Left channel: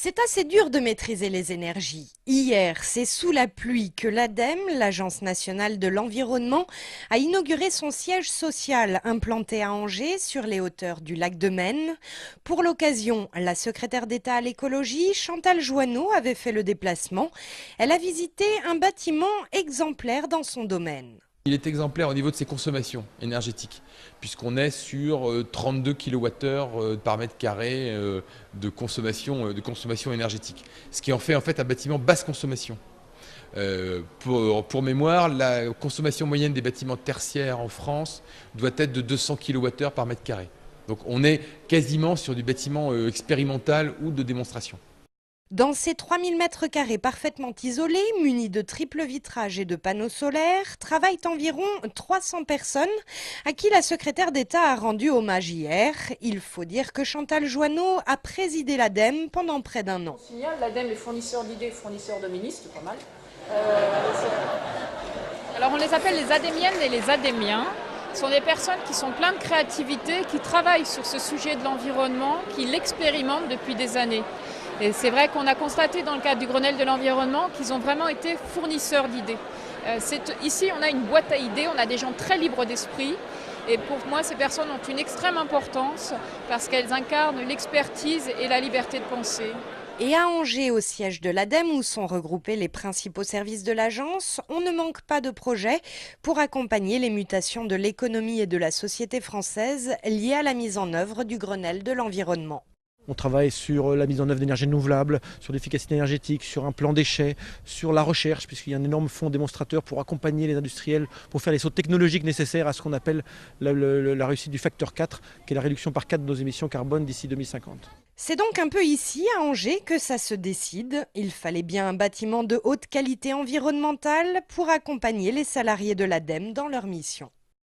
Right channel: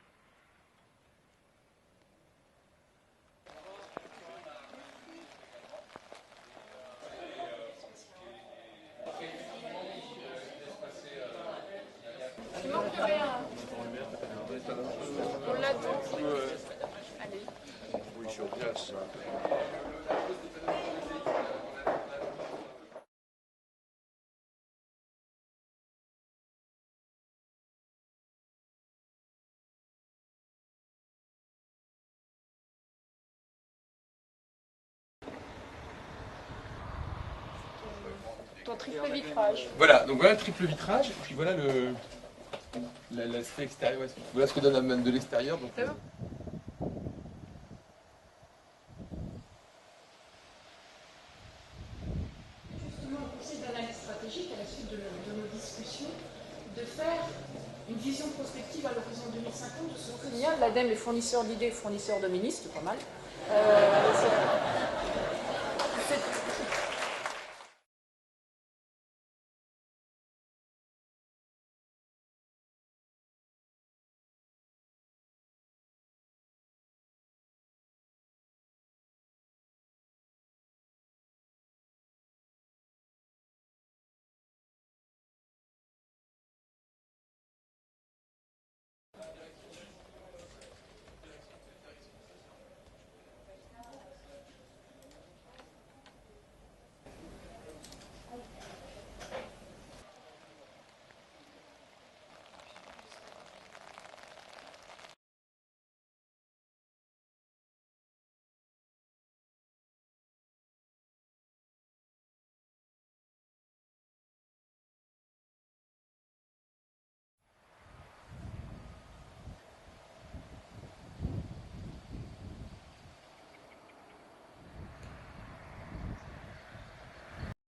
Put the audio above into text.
C'est assez dur de maîtriser les énergies. Hier, c'est sous la pluie que l'ADEME, l'Agence nationale de l'environnement, a inauguré son siège social implanté à Angers sur les hauteurs du lac de Maine. Pour l'occasion, la secrétaire d'État à l'écologie, Chantal Joanneau, avait fait le déplacement. Elle a visité un bâtiment exemplaire dans son domaine. Il est exemplaire au niveau de ses consommations énergétiques, puisqu'on est sur 32 kWh par mètre carré de consommation énergétique. Ce qui en fait un bâtiment basse consommation. Pour mémoire, la consommation moyenne des bâtiments tertiaires en France doit être de 200 kWh par mètre carré. Donc on est quasiment sur du bâtiment expérimental ou de démonstration. Dans ces 3000 m² parfaitement isolés, munis de triple vitrage et de panneaux solaires, travaillent environ 300 personnes à qui la secrétaire d'État a rendu hommage hier. Il faut dire que Chantal Joanneau a présidé l'ADEME pendant près d'un an. L'ADEME est fournisseur d'idées, fournisseur de ministres, pas mal. Alors on les appelle les adémiennes et les adémiens. Ce sont des personnes qui sont pleines de créativité, qui travaillent sur ce sujet de l'environnement, qui l'expérimentent depuis des années. Et c'est vrai qu'on a constaté dans le cadre du Grenelle de l'environnement qu'ils ont vraiment été fournisseurs d'idées. Ici, on a une boîte à idées, on a des gens très libres d'esprit. Et pour moi, ces personnes ont une extrême importance parce qu'elles incarnent l'expertise et la liberté de penser. Et à Angers, au siège de l'ADEME, où sont regroupés les principaux services de l'agence, on ne manque pas de projets pour accompagner les mutations de l'économie et de la société française liées à la mise en œuvre du Grenelle de l'environnement. On travaille sur la mise en œuvre d'énergies renouvelables, sur l'efficacité énergétique, sur un plan déchets, sur la recherche, puisqu'il y a un énorme fonds démonstrateur pour accompagner les industriels, pour faire les sauts technologiques nécessaires à ce qu'on appelle la réussite du facteur 4, qui est la réduction par 4 de nos émissions carbone d'ici 2050. C'est donc un peu ici, à Angers, que ça se décide. Il fallait bien un bâtiment de haute qualité environnementale pour accompagner les salariés de l'ADEME dans leur mission.